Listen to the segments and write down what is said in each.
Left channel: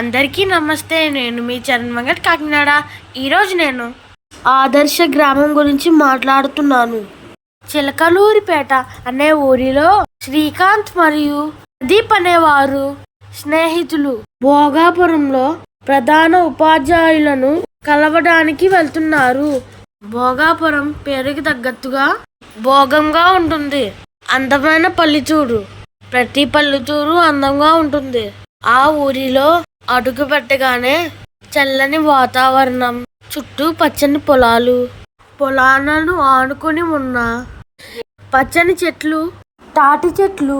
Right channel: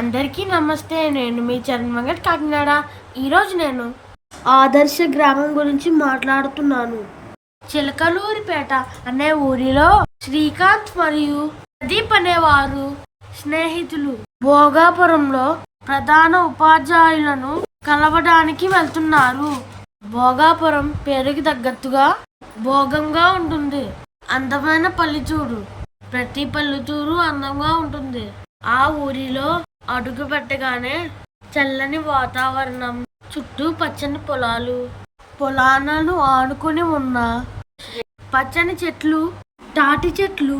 అందరికీ నమస్తే నేను మీ చరణ్ మంగట్ కాకినాడ. ఈరోజు నేను ఆదర్శ గ్రామం గురించి మాట్లాడుతున్నాను. చిలకలూరిపేట అనే ఊరిలో శ్రీకాంత్ మరియు ప్రదీప్ అనేవారు స్నేహితులు. భోగాపురంలో ప్రధాన ఉపాధ్యాయులను కలవడానికి వెళ్తున్నారు. భోగాపురం పేరుకి తగ్గట్టుగా భోగంగా ఉంటుంది. అందమైన పల్లెటూరు. ప్రతి పల్లెటూరు అందంగా ఉంటుంది. ఆ ఊరిలో అడుగు పెట్టగానే చల్లని వాతావరణం చుట్టూ పచ్చని పొలాలు పొలాలను ఆనుకొని ఉన్న పచ్చని చెట్లు తాటి చెట్లు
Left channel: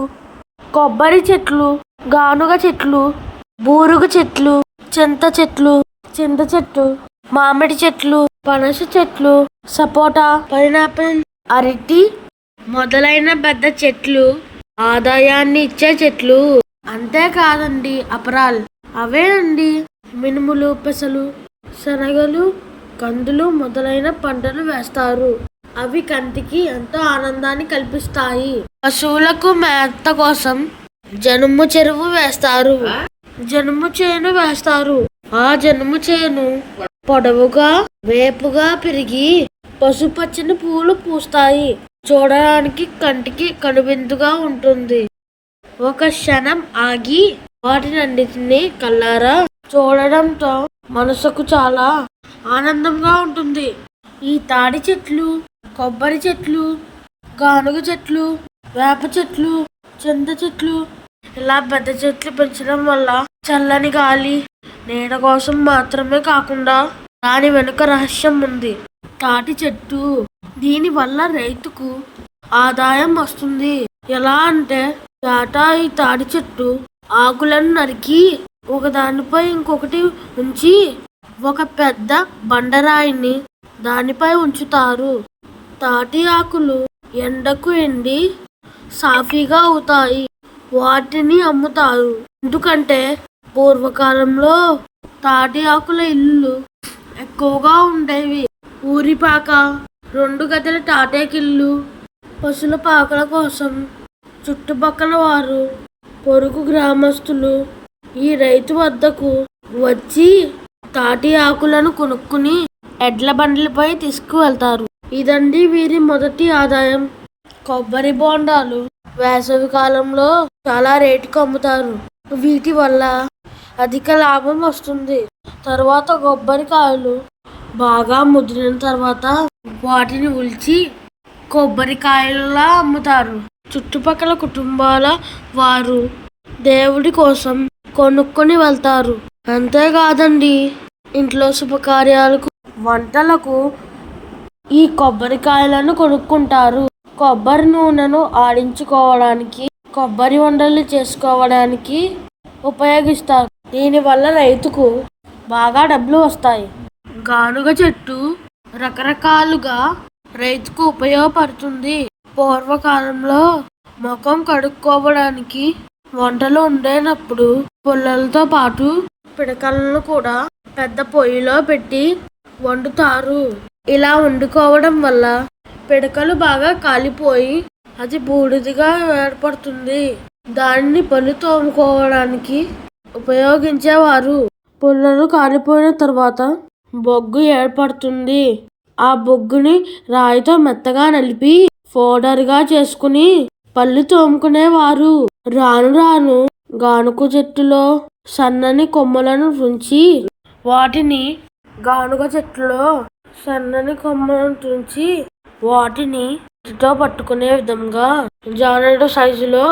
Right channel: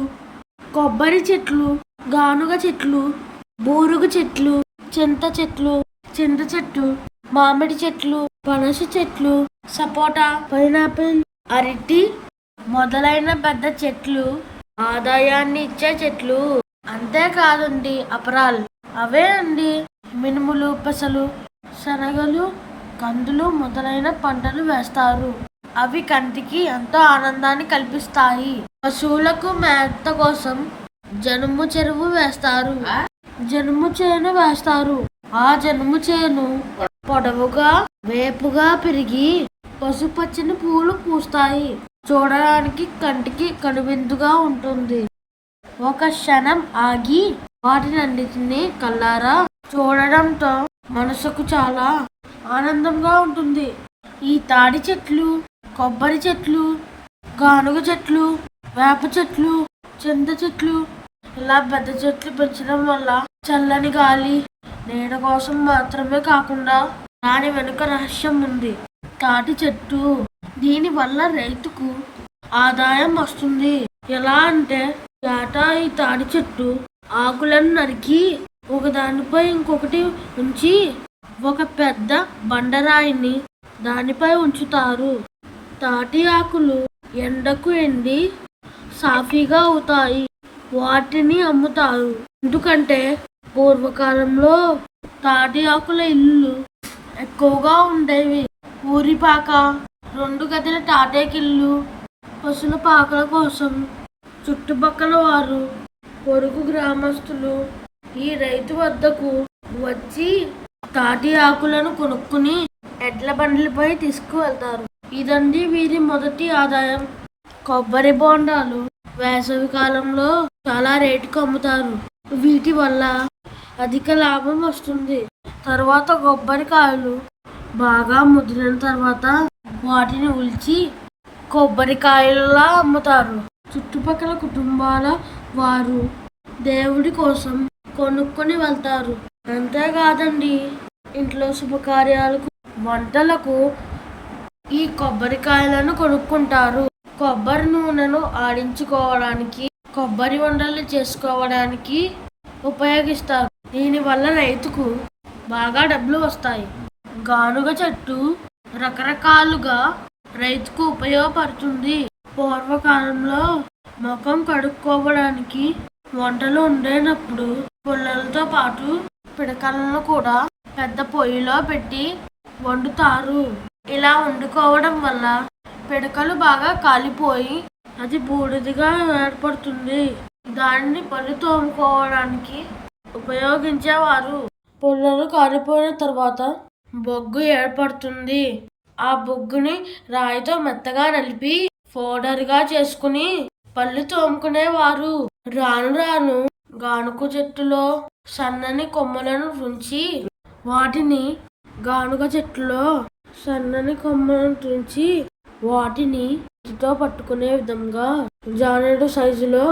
కొబ్బరి చెట్లు గానుగ చెట్లు బూరుగు చెట్లు చింత చెట్లు చింత చెట్టు మామిడి చెట్లు పనస చెట్లు సపోటా పైనాపిల్ అరటి మొదలైన పెద్ద చెట్లు ఆదాయాన్ని ఇచ్చే చెట్లు. అంతేకాదండి అపరాల్. అవే అండి మినుములు పెసలు శనగలు కందులు మొదలైన పంటలు వేస్తారు. అవి కంటికి ఎంతో ఆనందాన్ని కల్పిస్తాయి. పశువులకు మేత కోసం జనుము చెరువు వేస్తారు. జనుము చేను వేస్తారు. ఆ జనుము చేను పొడవుగా వేపుగా పెరిగి పసుపచ్చని పూలు పూస్తాయి. చూడడానికి కంటికి కనువిందుగా ఉంటుంది. ఒక క్షణం ఆగి వాటినన్నిటిని కల్లారా చూడడంతో మనసుకు చాలా ఆనందంగా ఉంటుంది. ఈ తాడి చెట్లు కొబ్బరి చెట్లు గానుగ చెట్లు వేప చెట్లు చింత చెట్లు ఇలా పెద్ద చెట్లు పెంచడం వల్ల చల్లని గాలి నీడ కోసం మాత్రమే కాకుండా దాని వెనుక రహస్యం ఉంది. తాటి చెట్టు దీని వల్ల రైతుకు ఆదాయం వస్తుంది. ఎలా అంటే టాటా ఈ తాడి చెట్టు ఆకులను నరికి ఒకదానిపై ఇంకొకటి ఉంచి ఒక పెద్ద బండరాయిని దానిపై ఉంచుతారు. తాటి ఆకులు ఎండకు ఎండి సాఫీగా అవుతాయి. వాటిని అమ్ముతారు. ఎందుకంటే పూర్వకాలంలో తాటి ఆకుల ఇల్లు ఎక్కువగా ఉండేవి. ఊరిపాక రెండు గదుల తాటేకిల్లు పశుల పాకల కోసం చుట్టుపక్కల వారు పొరుగు గ్రామస్తులు ఈ రైతు వద్దకు వచ్చి తాటి ఆకులను కొనుక్కుని ఎడ్ల బండ్లపై తీసుకువెళ్తారు. ఇదండి వీరి మొదటి ఆదాయం. కొబ్బరి బోండాలు వేసవి కాలంలో చాలా రేటుకు అమ్ముతారు. వీటి వల్ల అధిక లాభం వస్తుంది. తర్వాత కొబ్బరికాయలు బాగా ముదిరిన తర్వాత వాటిని ఉల్చి కొబ్బరికాయలా అమ్ముతారు. చుట్టుపక్కల కుటుంబాల వారు దేవుడి కోసం కొనుక్కొని వెళ్తారు. అంతేకాదండి ఇంట్లో శుభకార్యాలకు వంటలకు ఈ కొబ్బరికాయలను కొనుక్కుంటారు. కొబ్బరి నూనెను ఆడించుకోవడానికి కొబ్బరి వంటలు చేసుకోవడానికి ఉపయోగిస్తారు. దీనివల్ల రైతుకు బాగా డబ్బులు వస్తాయి. గానుగ చెట్టు రకరకాలుగా రైతుకు ఉపయోగపడుతుంది. పూర్వకాలంలో ముఖం కడుక్కోవడానికి వంటలు ఉండేటప్పుడు పుల్లలతో పాటు పిడకలను కూడా పెద్ద పొయ్యిలో పెట్టి వండుతారు. ఇలా వండుకోవడం వల్ల పిడకలు బాగా కాలిపోయి అది బూడిదిగా ఏర్పడుతుంది. దానిని పళ్ళు తోముకోవడానికి ఉపయోగించేవారు. పుల్లలు కాలిపోయిన తర్వాత బొగ్గు ఏర్పడుతుంది. ఆ బొగ్గుని రాయితో మెత్తగా నలిపి పౌడర్గా చేసుకుని పళ్ళు తోముకునేవారు. రాను రాను గానుగ చెట్టులో సన్నని కొమ్మలను తుంచి వాటిని గానుగ చెట్టులో సన్నని కొమ్మలను తుంచి వాటిని చేతితో పట్టుకునే విధంగా జానడు సైజులో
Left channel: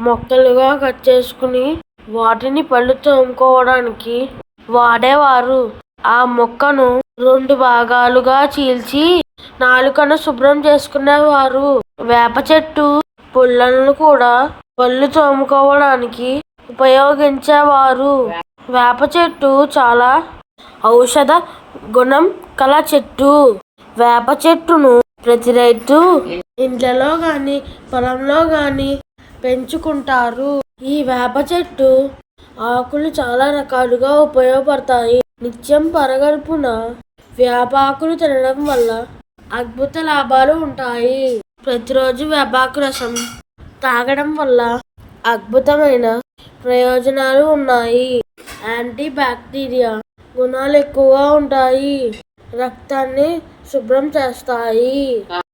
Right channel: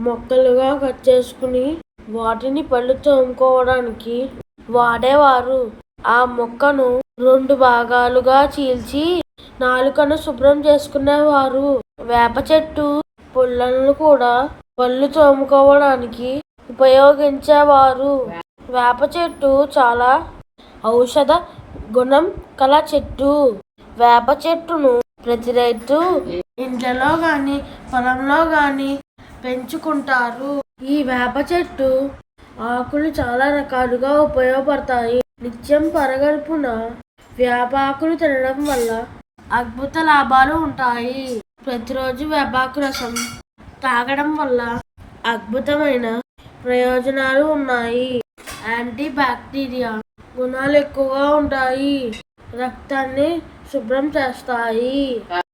మొక్కలుగా కట్ చేసుకుని వాటిని పళ్ళు తోముకోవడానికి వాడేవారు. ఆ మొక్కను రెండు భాగాలుగా చీల్చి నాలుకను శుభ్రం చేసుకునేవారు. వేప చెట్టు పుల్లలను కూడా పళ్ళు తోముకోవడానికి ఉపయోగించేవారు. వేప చెట్టు చాలా ఔషధ గుణం కల చెట్టు. వేప చెట్టును ప్రతి రైతు ఇంట్లో కానీ పొలంలో కానీ పెంచుకుంటారు. ఈ వేప చెట్టు ఆకులు చాలా రకాలుగా ఉపయోగపడతాయి. నిత్యం పరగడుపున వేపాకులు తినడం వల్ల అద్భుత లాభాలు ఉంటాయి. ప్రతిరోజు వేపాకు రసం తాగడం వల్ల అద్భుతమైన ప్రయోజనాలు ఉన్నాయి. యాంటీ బ్యాక్టీరియా గుణాలు ఎక్కువగా ఉంటాయి. రక్తాన్ని శుభ్రం చేస్తాయి.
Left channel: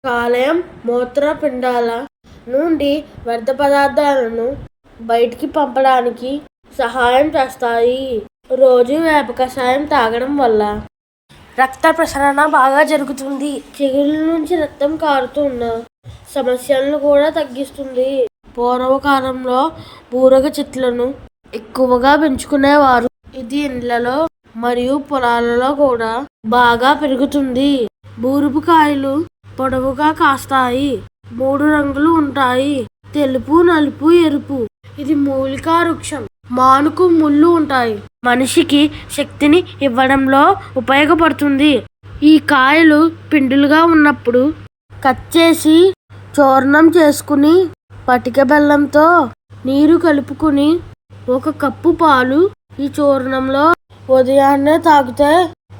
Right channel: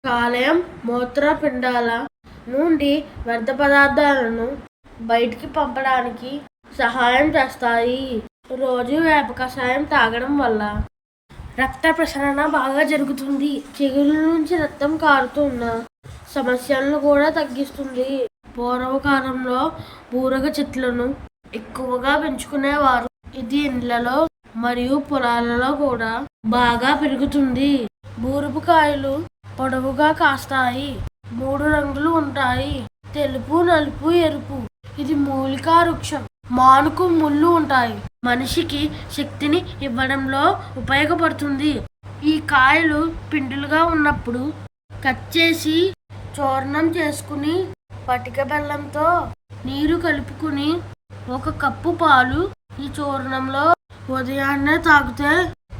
కాలేయం మూత్రపిండాల నుండి వ్యర్థ పదార్థాలను బయటికి పంపడానికి సహాయం చేస్తాయి. రోజు వేప కషాయం తాగడం వల్ల రక్త ప్రసరణ బాగా జరుగుతుంది. చిగుళ్ళ నుంచి రక్తం కారుతున్న సమస్యలను కూడా తగ్గిస్తుంది. పూర్వకాలంలో బూరగ చెట్లను ఎక్కువగా పెంచుకునేవారు. ఇది ఇండ్లలో మరియు పొలాలలో కూడా బాగా పెరుగుతుంది. బూరుపు కాయలు పొడవుగా కాస్తాయి. మూడు రంగులు ఉంటాయి. తెలుపు నలుపు ఎరుపు. ఇది మూలికా వృక్షం. మానుకు ముళ్ళు ఉంటాయి. మనిషికి శక్తిని ఇవ్వడంలో ఉపయోగపడుతుంది. ఈ కాయలు పిండులుగా ఉన్నప్పుడు కట్ చేసి చూర్ణం చేసుకుని పటిక బెల్లంతో నీరు కలుపుకుని ఒక కప్పు పాలు ఈ చూర్ణంలో ఉదయాన్నే తాగితే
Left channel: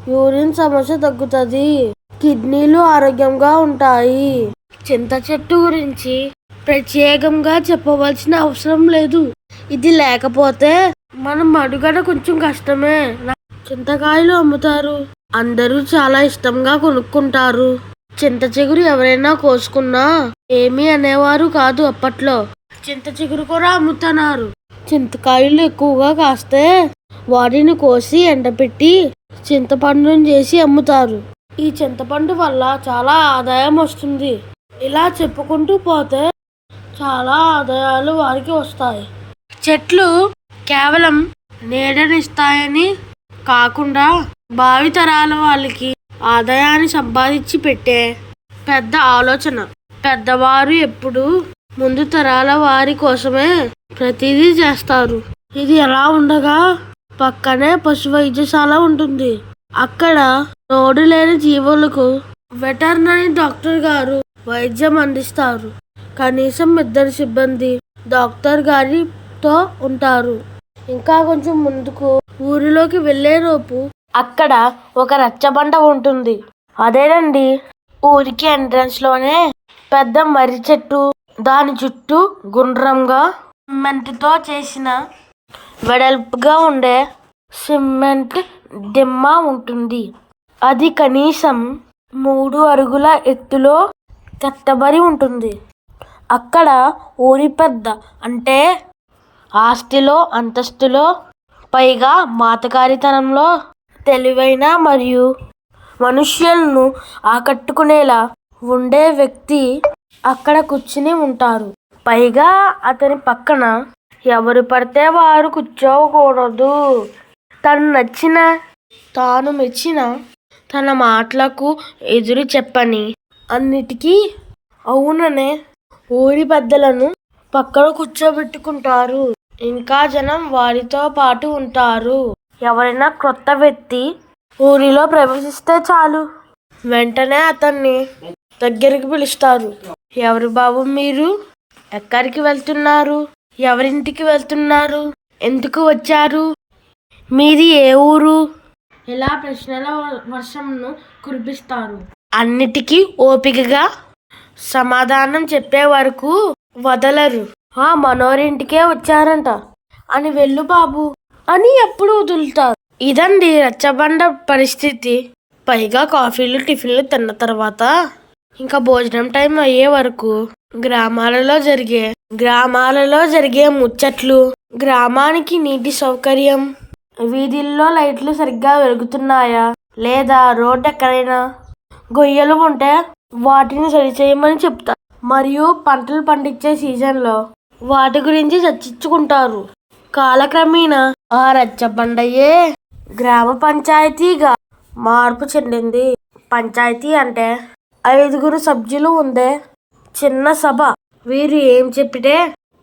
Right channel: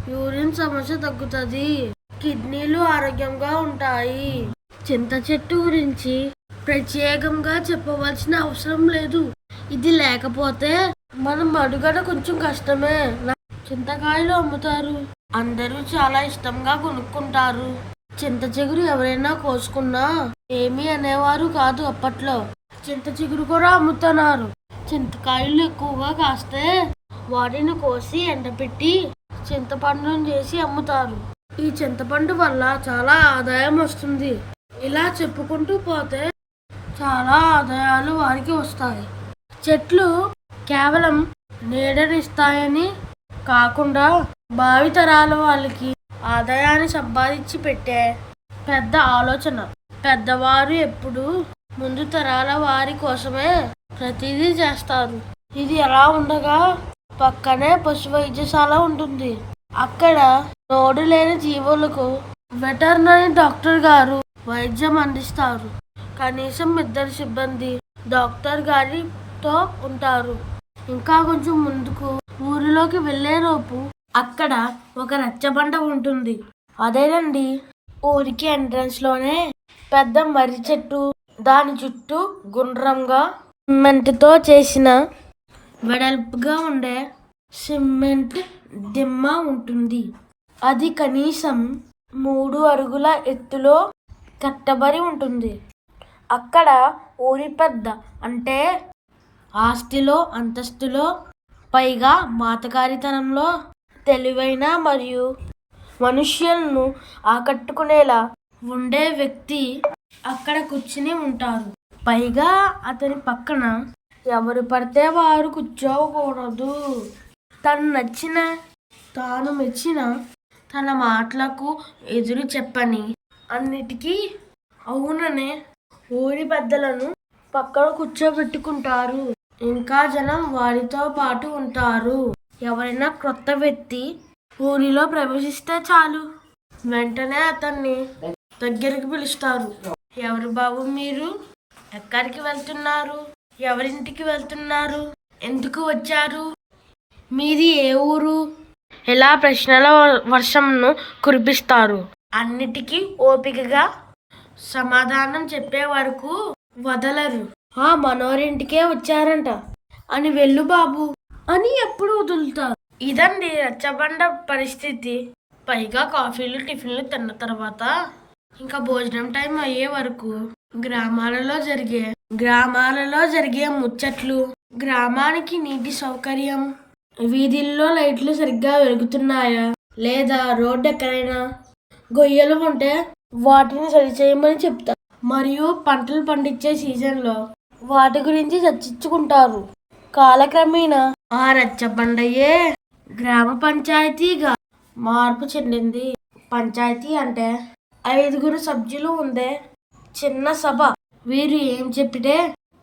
యూరిన్ సమస్య తగ్గుతుంది. కిడ్నీలు ఆరోగ్యంగా ఉంటాయి. చింత చెట్టు గురించి ప్రత్యేకంగా చెప్పవలసిన అవసరం లేదు. ఇది లేకపోతే మనం మడుగడ కొంచెం కష్టమే. చింతకాయలు అమ్ముతారు. అందరూ చాలా ఇష్టంగా కొనుక్కుంటారు. చింత చిగురు ఎవరైనా కోసుకున్నా ఏమీ అనేవారు కాదు అప్పట్లో. చింత చిగురు కూడా అమ్ముతున్నారు. చింతకాయలు ఎక్కువగా కాస్తే వాటిని కోసి ఎండపెట్టి చింతపండును చేసి అమ్ముతారు. ఈ చింతపండు వల్ల చాలా ఆదాయం వస్తుంది. ఇలా చెప్పుకుంటూ పోతే చాలా ఆదాయాలు వారికి వస్తాయి. చెట్లు కేవలం నీడనిస్తాయని కాకుండా భావితరాల వాళ్ళకి ఆదాయాన్ని సంపాదించి పెట్టే పెద్ద ఆలోచన. పెద్దవారు ఎప్పుడు ముందు తరాల వారి కోసమే ప్రతిదీ చేస్తారు. ఇది ఎలా ఉండగా పక్కనే పశు వైద్యశాల ఉంటుంది. అక్కడ నోడు లేని జీవులకు వెటర్నరీ డాక్టర్ గారు వైద్యం అందిస్తారు. కనీసం ఇద్దరు సిబ్బంది డాక్టర్ గారి తో ఉంటారు. ఇంకా కొంచెం ముందుకు ఊరిలోకి వెళ్ళేలోపు అక్కడ ఒక రచ్చబండ ఉంటుంది. అదేనండి ఊరికి ఎంట్రన్స్లోనే పెద్ద మర్రి చెట్టు దాని చుట్టూ గుండ్రంగా సిమెంట్తో చేసిన వెడల్పుగా ఉండే సిమెంట్ దిమ్మ ఉంటుంది. అది కనీసం మూడు అరుగుల ఎత్తులో కట్టబడి ఉంటుంది. అక్కడ ఊరి పెద్ద అంటే ఆస్తిలో అంతస్తులో పైగా మాతకారితనంలో తెలివైన మరియు మనుష్యులను ఆకట్టుకునేలా ఉండే వ్యక్తి అక్కడ కూర్చుని ఉంటారు. పైగా అతని పక్కన ఎవరు పడితే వారు కూర్చోకూడదు. తను నచ్చిన తాను మెచ్చిన తన మాటలకు ఎదురు చెప్పని అన్నిటికీ అవుననే ఊరి పెద్దలను పక్కన కూర్చోబెట్టుకుంటారు. ఇంకా జనం వారితో పాటు ఉంటారు. ఎవరైనా క్రొత్త వ్యక్తి ఊరిలో ప్రవేశిస్తే చాలు. వెంటనే అతన్ని దగ్గరికి పిలుస్తారు. ఎవరు బాబు మీరు? ఎక్కడికి వెళ్తున్నారు? ఎవరింటికి వెళ్తున్నారు? ఎందుకు వచ్చారు? మీది ఏ ఊరు? ఇలా ప్రశ్నల వర్షంను కురిపిస్తారు. అన్నిటికీ ఓపికగా సమాధానం చెప్పే వరకు వదలరు. ఆ మనోరింటికే వచ్చారంట. అని వెళ్ళు బాబు అని ఎప్పుడు వదులుతారు. ఇదండి రచ్చబండ పరిస్థితి. పైగా కాఫీలు టిఫిన్లు తిన్న తర్వాత ఇంకా భోజనం టైం అయ్యే వరకు గ్రామాలలో జరిగే గ్రామాలలో జరిగే ముచ్చట్లు గ్రామానికి నీటి సౌకర్యం వీధుల్లో లైట్లు సరిగ్గా వెలుగుతున్నాయా లేదా రోడ్డు ఎక్కడైనా గొయ్యలు ఉంటే వాటిని సరిచేయమని చెప్తారు. మరియు పంటలు పండించే సీజన్లో వాటి గురించి చర్చించుకుంటారు. కాలక్రమేణా ఆ రచ్చబండయే గ్రామ పంచాయతీగా మార్పు చెందింది. పంచాయతీ అంటే ఐదుగురు సభ్యులు ఉండే చిన్న సభ. వీరు ఏం చెప్పితే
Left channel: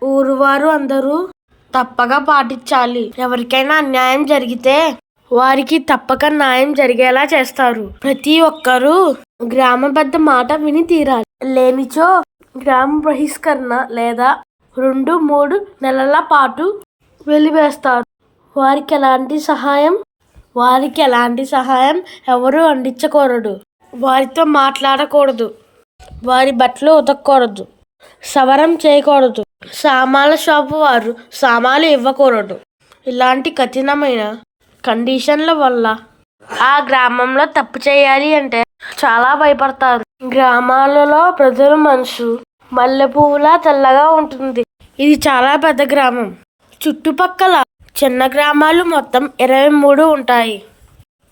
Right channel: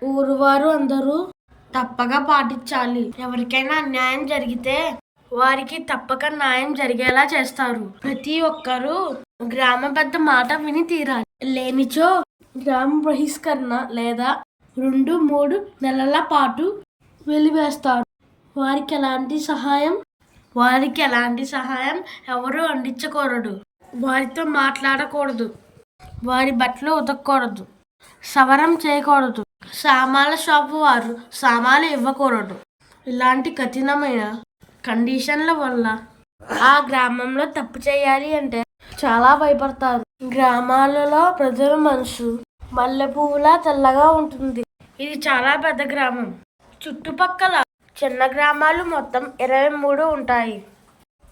ఊరువారు అందరూ తప్పగా పాటించాలి. ఎవరికైనా అన్యాయం జరిగితే వారికి తప్పక న్యాయం జరిగేలా చేస్తారు. ప్రతి ఒక్కరూ గ్రామ పెద్ద మాట విని తీరాలి. లేనిచో గ్రామ బహిష్కరణ లేదా రెండు మూడు నెలల పాటు వెలివేస్తారు వారికి ఎలాంటి సహాయం? వారికి ఎలాంటి సహాయం? ఎవరు అందించకూడదు. వారితో మాట్లాడకూడదు. వారి బట్టలు ఉతకూడదు సవరం చేయకూడదు. సామాన్ల షాపు వారు సామాన్లు ఇవ్వకూడదు. ఇలాంటి కఠినమైన కండిషన్ల వల్ల ఆ గ్రామంలో తప్పు చేయాలి అంటే చాలా భయపడతారు. గ్రామాలలో ప్రజల మనసు మల్లె పువ్వులా తెల్లగా ఉంటుంది. ఇది చాలా పెద్ద గ్రామం. చుట్టుపక్కల చిన్న గ్రామాలు మొత్తం ఇరవై మూడు ఉంటాయి.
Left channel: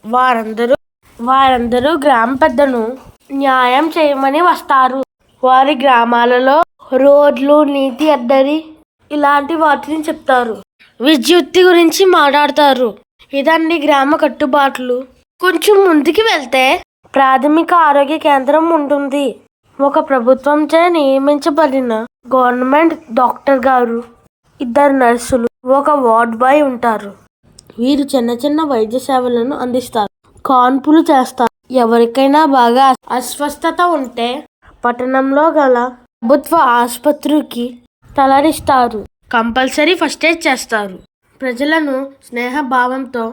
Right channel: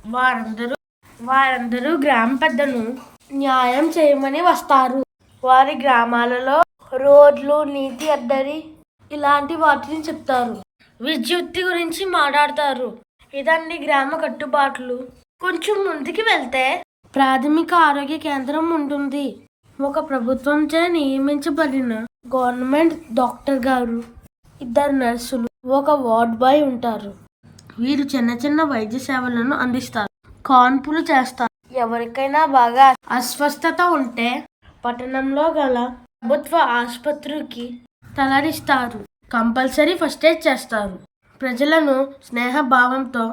వారందరూ వారందరూ గ్రామ పెద్దను న్యాయం చేయమని వస్తారు. వారి గ్రామాలలో రోడ్లు నీతి అడ్డరి ఇలాంటి వాటిని చెప్తారు. విద్యుత్ గురించి మాట్లాడతారు. ఇదన్ని గ్రామ కట్టుబాట్లు. కొంచెం ముందుకు వెళ్తే ప్రాథమిక ఆరోగ్య కేంద్రం ఉంటుంది. ఒక ప్రభుత్వంచే నియమించబడిన గవర్నమెంట్ డాక్టర్ గారు ఇద్దరు నర్సులు ఒక వార్డ్ బాయ్ ఉంటారు. వీరు చిన్న చిన్న వైద్య సేవలను అందిస్తారు. కాన్పులు చేస్తారు. ఎవరికైనా బాగా అస్వస్థత ఉంటే పట్టణంలో గల ప్రభుత్వ ఆసుపత్రికి తలరిస్తారు కంపల్సరీ ఫస్ట్ ఎయిడ్ చేస్తారు. ప్రజలను స్నేహభావంతో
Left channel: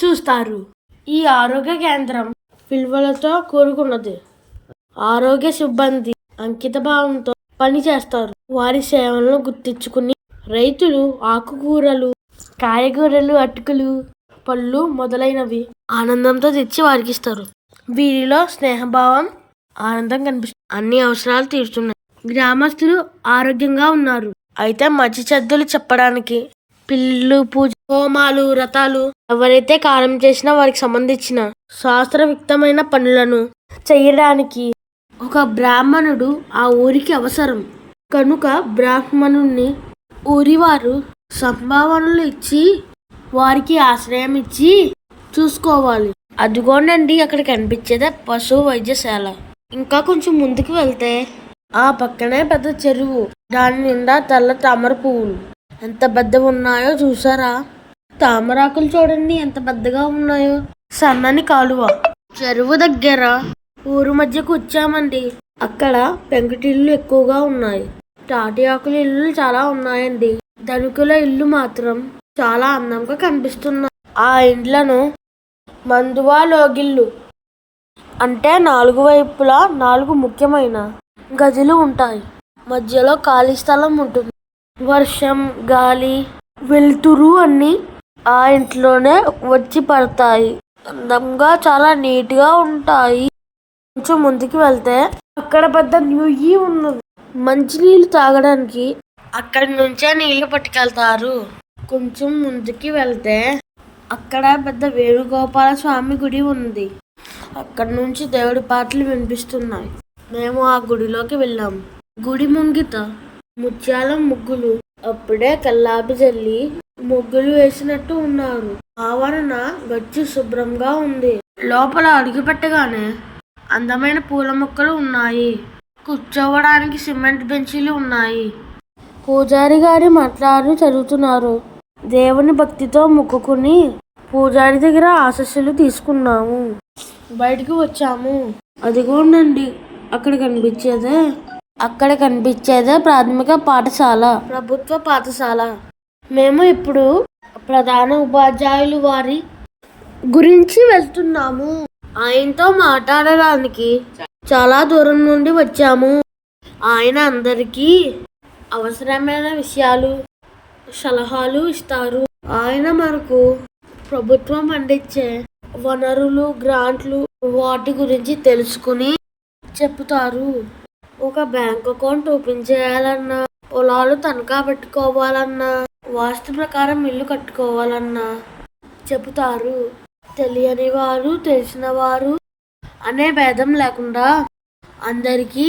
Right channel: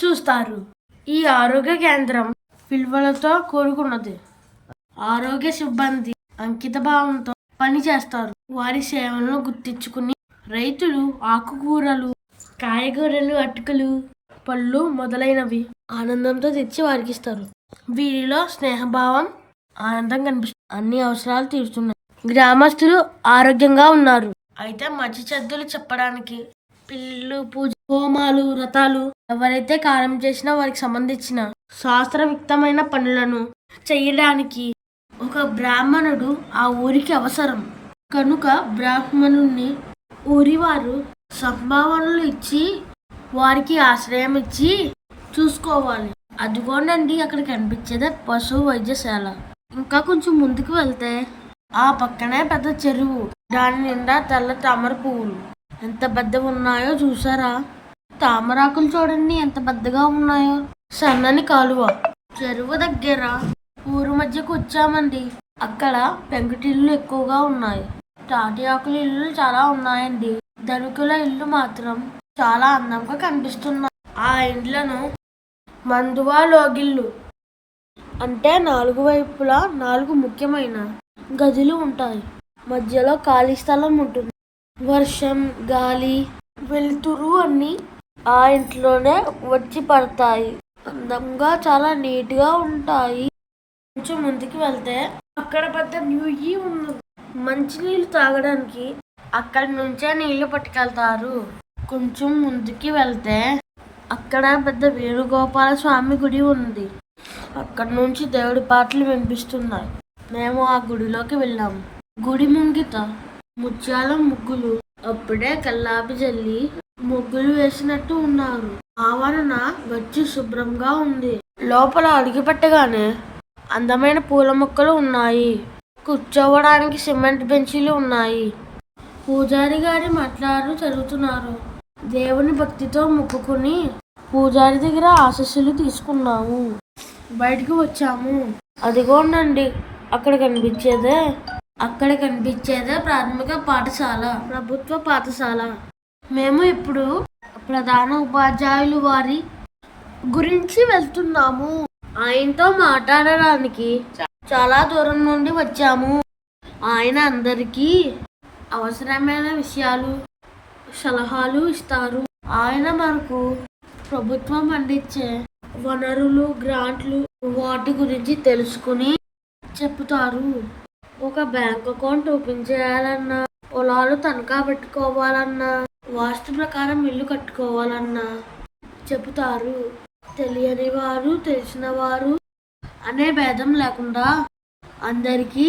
చూస్తారు. ఈ ఆరోగ్య కేంద్రం విలువలతో కూడుకున్నది. ఆరోగ్య సిబ్బంది అంకిత భావంతో పనిచేస్తారు. వారి సేవలను గుర్తించుకుని రైతులు ఆకుకూరలు కాయగూరలు అటుకులు పళ్ళు మొదలైనవి ఆనందంతో తెచ్చి వారికి ఇస్తారు వీరిలో స్నేహభావం ఆనందం కనిపిస్తుంది. అన్ని అవసరాలు తీరుతున్నాయి. గ్రామస్తులు ఆరోగ్యంగా ఉన్నారు. అయితే మంచి చెడ్డలు చెప్పడానికి పిల్లలు పూజ హోమాలు వ్రతాలు ఎవరైతే కాలం చేసినా వారికి సంబంధించిన శాస్త్రయుక్తమైన పనులను చేయడానికి ఒక బ్రాహ్మణుడు ఆ ఊరికి అవసరం. కనుక బ్రాహ్మణుణ్ణి ఊరివారు సంభావనలు ఇచ్చి వారికి ఆశ్రయం ఇచ్చి చూసుకోవాలి. అదిగోనండి అక్కడ కనిపించేదే పశు వైద్యశాల. ఇంకా కొంచెం ముందుకు వెళ్తే ఆ పక్కనే పెద్ద చెరువు. దాని నిండా తెల్ల తామర పువ్వులు. ఎంత పెద్ద ఉన్నాయో చూసారా? తామరాకులు చూడండి ఎంత పెద్దగా ఉన్నాయో. సన్నని కాలువ. చెరువు దగ్గర ఊరు మధ్యకు వచ్చామండి. అక్కడ పెంకుటిల్లు ఎక్కువగా ఉన్నాయి. తాటి ఆకుల ఇల్లు చాలా ఉన్నాయండి. ధనుకుల ఇల్లు మాత్రం చాలా అందంగా కనిపిస్తున్నాయి. ఆ ఇండ్లను మందువా లోగిళ్ళు అంటే నాలుగు వైపులా నాలుగు ముఖ్యమైన గదులు ఉంటాయి. మధ్యలో ఖాళీ స్థలం ఉంటుంది. వర్షం గాలి వెలుతురు అన్ని ఆ ఇంట్లోనే వచ్చి పడతాయి. అందంగా చాలా నీట్గా ఉంటాయి. కొంచెం ముందుకు వెళ్తే అక్కడ పెద్ద నుయ్యి ఉన్నది. మంచినీళ్ళు తాగడానికి అక్కడి నుంచే నీళ్ళు పట్టుకెళ్తారు. కొంచెం ముందుకి వెళ్తే అక్కడ పెద్ద వేణుగోపాల స్వామి గుడి ఉంది. అక్కడ నుంచి దేవుడి పాటలు వినిపిస్తున్నాయి. మేము ఆ గుడిలోకి వెళ్ళాము గుడి ముంగిత ముత్యాల ముగ్గులు అప్పుడే కల్లాపి జల్లి ముగ్గులు వేసినట్టు ఉన్నారు. ఆవరణ గచ్చి శుభ్రంగా ఉంది. లోపల అడుగు పెట్టగానే అందమైన పూల మొక్కలు ఉన్నాయి. కూర్చోవడానికి సిమెంట్ బెంచీలు ఉన్నాయి. పూజారి గారి మాట్లాడు చదువుతున్నారు. దేవుని భక్తితో మొక్కుకుని పూజారి దగ్గర ఆశస్సులు తీసుకున్నాము. బయటికి వచ్చాము. అదిగోనండి అక్కడ కనిపించేదే. అక్కడ కనిపించేదే ప్రాథమిక పాఠశాల ప్రభుత్వ పాఠశాల. మేము ఇప్పుడు ప్రధాన ఉపాధ్యాయులు వారి గురించి వెళ్తున్నాము. ఆయనతో మాట్లాడడానికి చాలా దూరం నుండి వచ్చాము. ఆయన అందరికీ అవసరమైన విషయాలు సలహాలు ఇస్తారు. ఆయన మనకు ప్రభుత్వం అందించే వనరులు గ్రాంట్లు వాటి గురించి తెలుసుకుని చెప్తారు. ఒక బ్యాంక్ అకౌంట్ ఓపెన్ చేయాలన్నా పొలాలు తనఖా పెట్టుకోవాలన్నా వాస్తు ప్రకారం ఇల్లు కట్టుకోవాలన్నా చెబుతారు తెలియని వారు తెలిసిన వారు అనే భేదం లేకుండా అందరికీ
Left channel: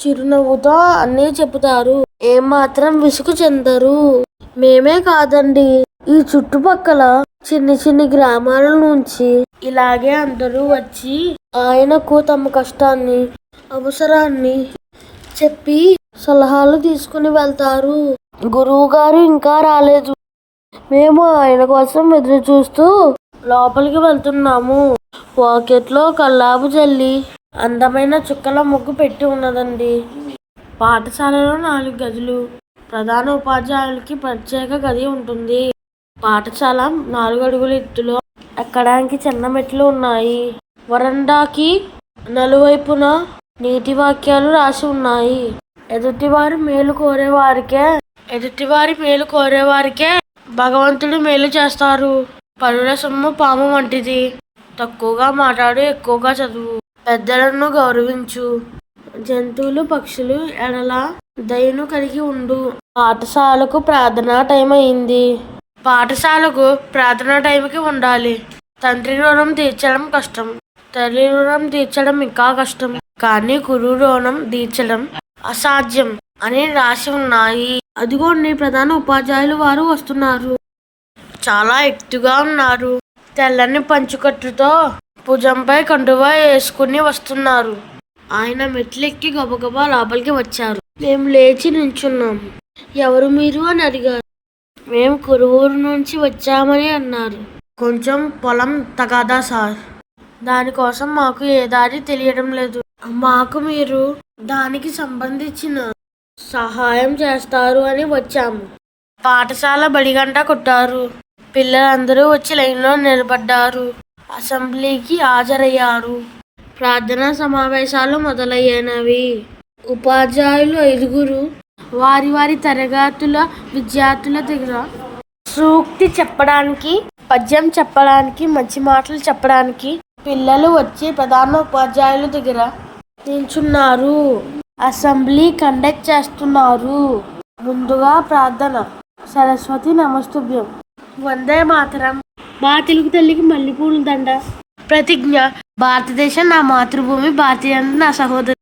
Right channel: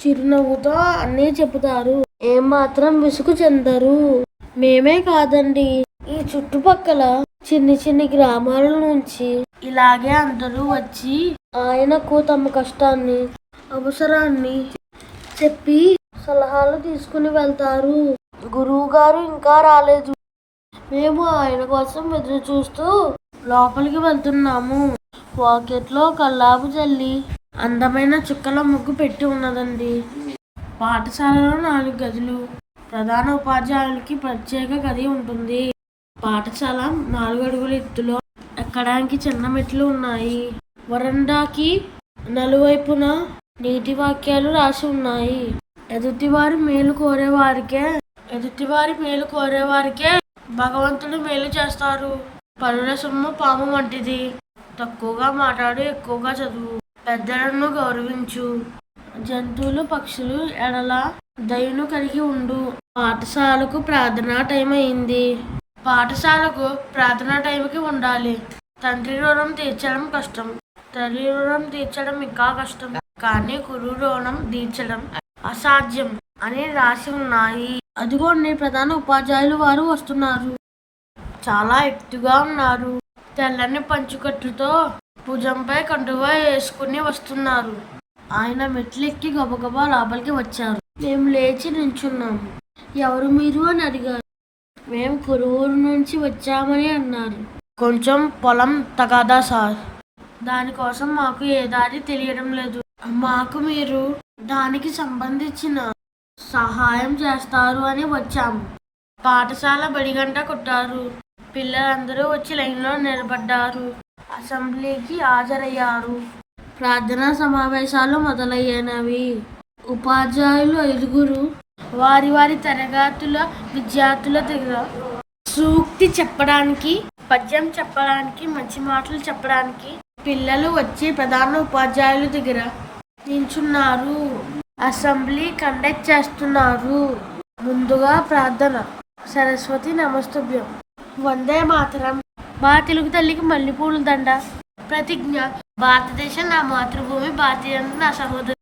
చిరునవ్వుతో అన్నీ చెబుతారు. ఏమాత్రం విసుగు చెందరు. మేమే కాదండి. ఈ చుట్టుపక్కల చిన్ని చిన్ని గ్రామాల నుంచి ఇలాగే అందరూ వచ్చి ఆయనకు తమ కష్టాన్ని అవసరాన్ని చెప్పి సలహాలు తీసుకుని వెళ్తారు. గురువు గారు ఇంకా రాలేదు. మేము ఆయన కోసం ఎదురు చూస్తూ లోపలికి వెళ్తున్నాము. పాకెట్లో కల్లాపు జల్లి అందమైన చుక్కల ముగ్గు పెట్టి ఉన్నదండి. పాఠశాలలో నాలుగు గదులు ప్రధాన ఉపాధ్యాయులకి ప్రత్యేక గది ఉంటుంది. పాఠశాల నాలుగు అడుగుల ఎత్తులో ఎక్కడానికి చిన్న మెట్లు ఉన్నాయి. వరండాకి నలువైపున నీతి వాక్యాలు రాసి ఉన్నాయి. ఎదుటివారి మేలు కోరేవారికే ఎదుటివారి మేలు కోరే వారికే భగవంతుడు మేలు చేస్తారు. పరుల సొమ్ము పాము వంటిది. తక్కువగా మాట్లాడు ఎక్కువగా చదువు. పెద్దలను గౌరవించు. జంతువులు పక్షులు ఎడల దయను కలిగి ఉండు. పాఠశాలకు ప్రార్థనా టైం అయింది. పాఠశాలకు ప్రార్థనా టైంకి ఉండాలి. తండ్రి రుణం తీర్చడం కష్టం. తల్లి రుణం తీర్చడం ఇంకా కష్టం. కానీ గురువు రుణం తీర్చడం అసాధ్యం అని రాసి ఉన్నాయి. అదిగోండి ప్రధాన ఉపాధ్యాయులు వారు వస్తున్నారు. చాలా ఎత్తుగా ఉన్నారు. తెల్లని పంచుకట్టుతో భుజంపై కండువా వేసుకుని వస్తున్నారు. ఆయన మెట్లెక్కి గబగబా లోపలికి వచ్చారు. మేము లేచి నించున్నాం. ఎవరు మీరు? అని అడిగారు. మేము కురువూరు నుంచి వచ్చామని అన్నారు. కొంచెం పొలం తగాదా సార్. దానికోసం మాకు ఏ దారి తెలియడం లేదు. మాకు మీరు దానికి సంబంధించిన సహాయం చేస్తారు అని వచ్చాము. పాఠశాల బడిగంట కొట్టారు. పిల్లలందరూ వచ్చి లైన్లో నిలబడ్డారు. అసెంబ్లీకి హాజరయ్యారు. ప్రార్థనా సమావేశాలు మొదలయ్యినవి ఉపాధ్యాయులు ఐదుగురు వారి వారి తరగతుల విద్యార్థుల దగ్గర సూక్తి చెప్పడానికి పద్యం చెప్పడానికి మంచి మాటలు చెప్పడానికి పిల్లలు వచ్చి ప్రధాన ఉపాధ్యాయుల దగ్గర నించున్నారు. అసెంబ్లీ కండక్ట్ చేస్తున్నారు. ముందుగా ప్రార్థన. సరస్వతి నమస్తుభ్యం. వందే మాతరం. మా తెలుగు తల్లికి మల్లెపూల దండ. ప్రతిజ్ఞ. భారతదేశం నా మాతృభూమి భారతీయ నా సహోదరు.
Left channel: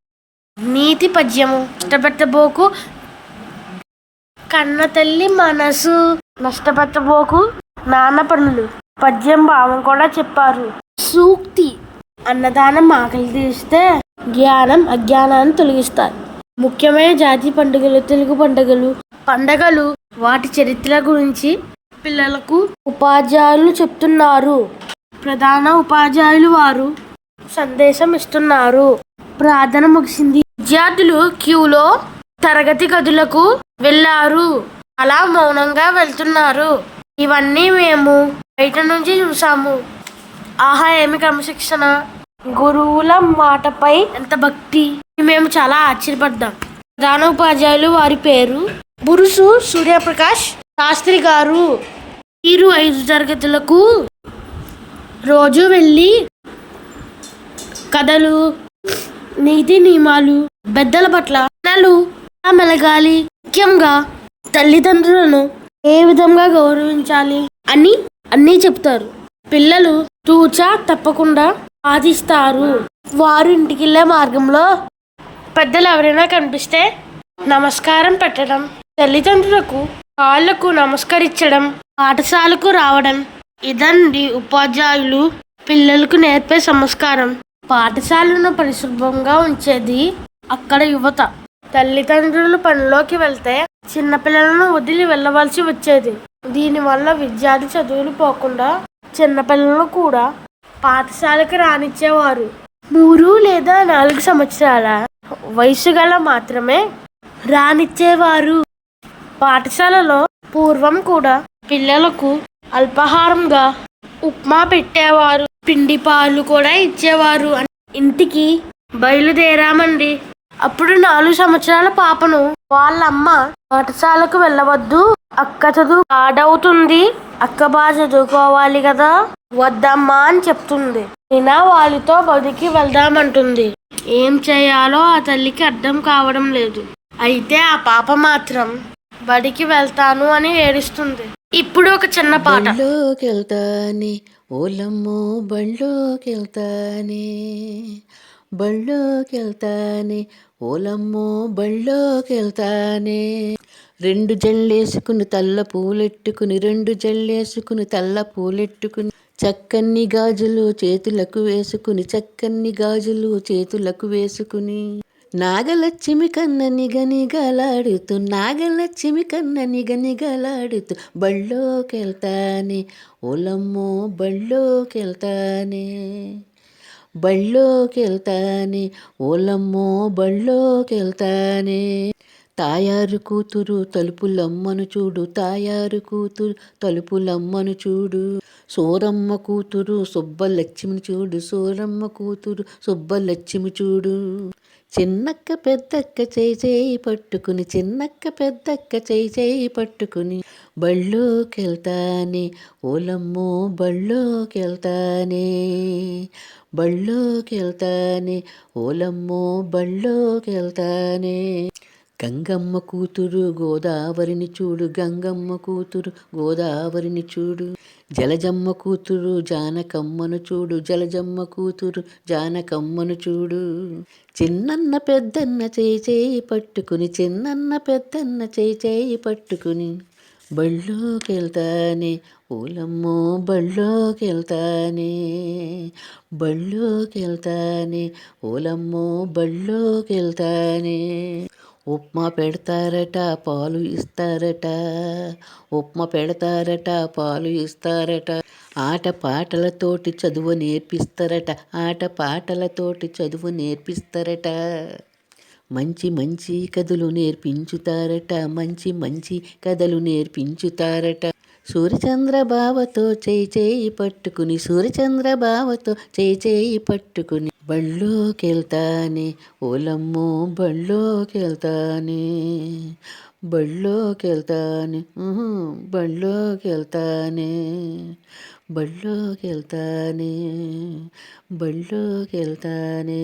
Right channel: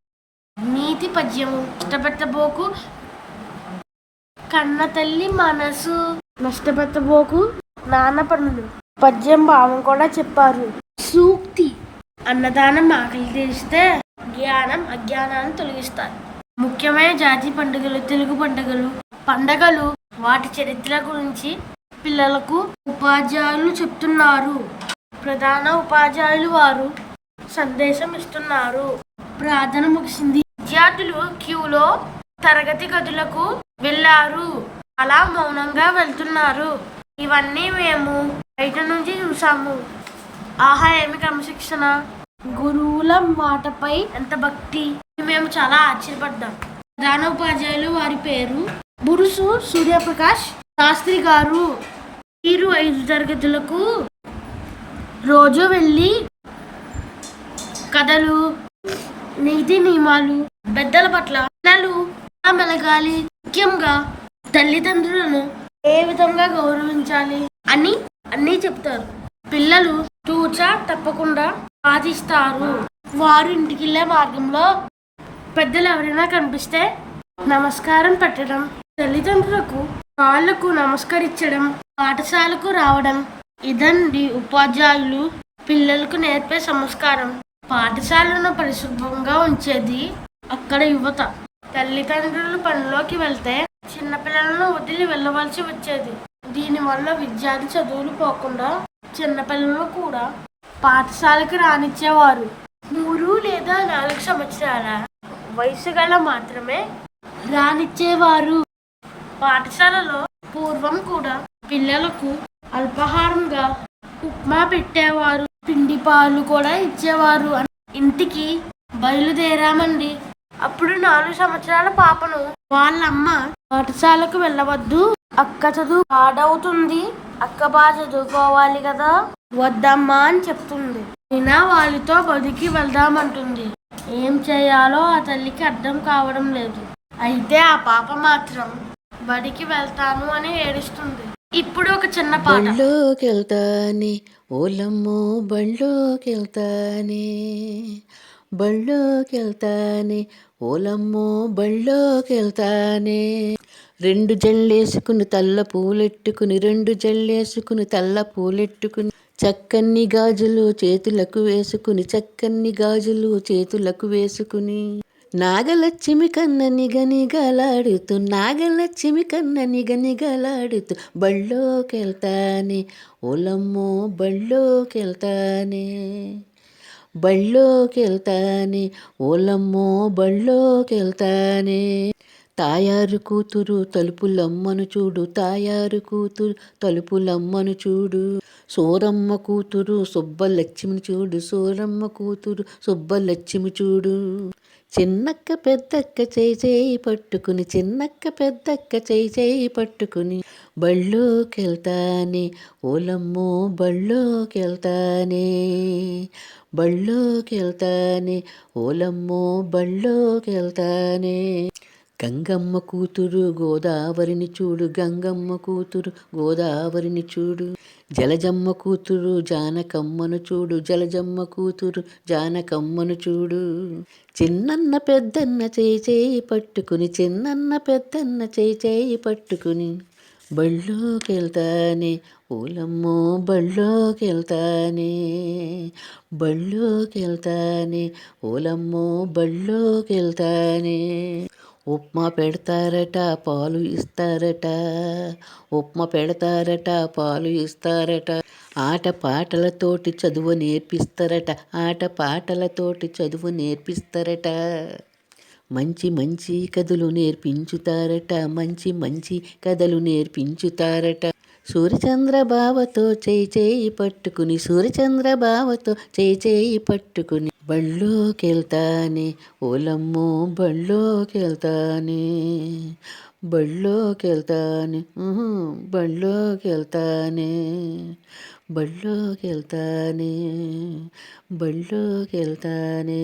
నీతి పద్యము. ఇష్టపెట్టబోకు కన్న తల్లి మనసు. నష్టపెట్టబోకు నాన్న పనులు. పద్యం భావం కూడా చెప్పారు. సూక్తి. అన్నదానం ఆకలి తీస్తే జ్ఞానం అజ్ఞానాన్ని తొలగిస్తాయి. ముఖ్యమైన జాతి పండుగలు తెలుగు పండుగలు పండగలు వాటి చరిత్ర గురించి పిల్లలకు ఉపాధ్యాయులు చెప్తున్నారు. ప్రధాన ఉపాధ్యాయులు వారు సందేశం ఇస్తున్నారు. ప్రార్థన ముగిసింది. విద్యార్థులు క్యూలో తరగతి గదులకు వెళ్ళారు. అలా మౌనంగా వెళ్తున్నారు. ఇవన్నీ మేము బయట నుంచి చూసాము ఆహా ఏమి క్రమశిక్షణ? గురువుల మాటపై ఎంత భక్తి? మేము చాలా ఆశ్చర్యపడ్డాం. ప్రధాన ఉపాధ్యాయులు వారి పేరు బురుసు సూర్యప్రకాష్ శాస్త్రి గారు. మీరు ఐదు తరగతులకు రోజు వెళ్ళి కథలు నీతి నియమాలు పెద్దల పట్ల పిల్లలు మెలగాలి ముఖ్యంగా తల్లిదండ్రులను ఏ విధంగా గౌరవించాలి అని అన్నీ చెప్తారు. పిల్లలు తూచా తప్పకుండా ఆదిస్తారు వారు ఇంటికి వెళ్ళే మార్గంలో పెద్దలు ఎవరైనా కనిపిస్తే నమస్కారం పెట్టడం తల్లిదండ్రులకు కాళ్ళకు నమస్కరించడం పాఠశాలకు రావడం. ఇదండి ఉపాధ్యాయులు పిల్లలకు నేర్పే సంస్కారం. పాఠశాలను పరిశుభ్రంగా ఉంచేది అక్కడ యువత. తల్లిదండ్రులు పనిలోకి వెళ్తే చిన్నపిల్లలను వదిలి వెళ్ళవలసి వచ్చేది. దీనివల్ల విద్యార్థి చదువులు పోకుండా చిన్నపిల్లలను కూడా పాఠశాలకు రానిచ్చేవారు. మూడు లేదా నాలుగు సంవత్సరాల వయసు గల మాత్రమే రానిచ్చేవారు. పాఠశాలలో పూర్వం కూడా పిల్లలకు అల్పాహారంగా ఉప్మా పెట్టేవారు పిండి పాలు కూడా ఇచ్చేవారు ఇంటికి బయలుదేరామండి. అప్పుడు నాలుగు సంవత్సరాల పాపను వాళ్ళమ్మ పాఠశాలకు వెళ్ళవద్దు. అక్క చదువు పాడవుతుంది. అక్క బాగా చదువుకోవాలి కదా. వద్దమ్మా అని చెప్తుంది. అయినా వాళ్ళతో బతికి వెళ్దామంటుంది. ఏం చేయాలో ఆ తల్లికి అర్థం కావడం లేదు. అయితే ఆ పాప మాత్రం బడికి వెళ్తాను అని ఏడుస్తుంది. ఇప్పుడు ఒక చిన్న పాట. బళ్ళోకెళ్తానే ఓలమ్మో బళ్ళోకెళ్తానే బళ్ళోకెళ్తానే ఓలమ్మో బళ్ళోకెళ్తానే రెండు జల్లేసుకుని తల్ల పూలెట్టుకుని రెండు జల్లేసుకుని తల్ల పూలెట్టుకుని చక్కన్ని గాజులు చేతులకు వేసుకుని చక్కన్ని గాజులు చేతులకు వేసుకుని. నాగలక్ష్మి కన్న నిగనిగలాడుతూ నాగలక్ష్మి కన్న నిగనిగలాడుతూ బళ్ళోకెళ్తానే. ఓలమ్మో బళ్ళోకెళ్తానే. బళ్ళోకెళ్తానే. ఓలమ్మో బళ్ళోకెళ్తానే. తాయారు కూతురు తలుపులమ్మను చూడు తాయారు కూతురు తలుపులమ్మను చూడు. సోరమ్మ కూతురు సుబ్బలక్ష్మిని చూడు సోరమ్మ కూతురు సుబ్బలక్ష్మి చూడు. చిన్నక్క పెద్దక్క చేయి చేయి పట్టుకుని చిన్నక్క పెద్దక్క చేయి చేయి పట్టుకుని బళ్ళోకెళ్తానే ఓలమ్మో బళ్ళోకెళ్తానే బళ్ళోకెళ్తానే ఓలమ్మో బళ్ళోకెళ్తానే. గంగమ్మ కూతురు గోదావరిని చూడు గంగమ్మ కూతురు గోదావరిని చూడు. జలజమ్మ కూతురు జానకమ్మను చూడు జలజమ్మ కూతురు జానకమ్మను చూడు. చిన్నన్న పెద్దన్న చేయి చేయి పట్టుకుని చిన్నన్న పెద్దన్న చేయి చేయి పట్టుకుని బళ్ళోకెళ్తానే ఓలమ్మో బళ్ళోకెళ్తానే బళ్ళోకెళ్తానే ఓలమ్మో బళ్ళోకెళ్తానే. ఉప్మా పెడతారట పాలు ఇస్తారట. ఉప్మా పెడతారట పాలు ఇస్తారట. ఆట పాటలతోటి చదువు నేర్పిస్తారట. ఆట పాటలతోటి చదువు నేర్పిస్తారట. మంచి మంచి కథలు నేర్పించుతారట. మంచి మంచి కథలు నేర్పించుతారట. సూర్యచంద్ర బావతో చేయి చేయి పట్టుకుని సూర్యచంద్ర బావతో చేయి చేయి పట్టుకుని. బళ్ళోకెళ్తానే ఓలమ్మో బళ్ళోకెళ్తానే బళ్ళోకెళ్తానే ఉహు, బళ్ళోకెళ్తానే బళ్ళోకెళ్తానే బళ్ళోకెళ్తానే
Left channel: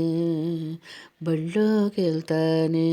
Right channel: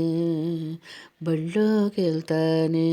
బళ్ళోకెళ్తానే.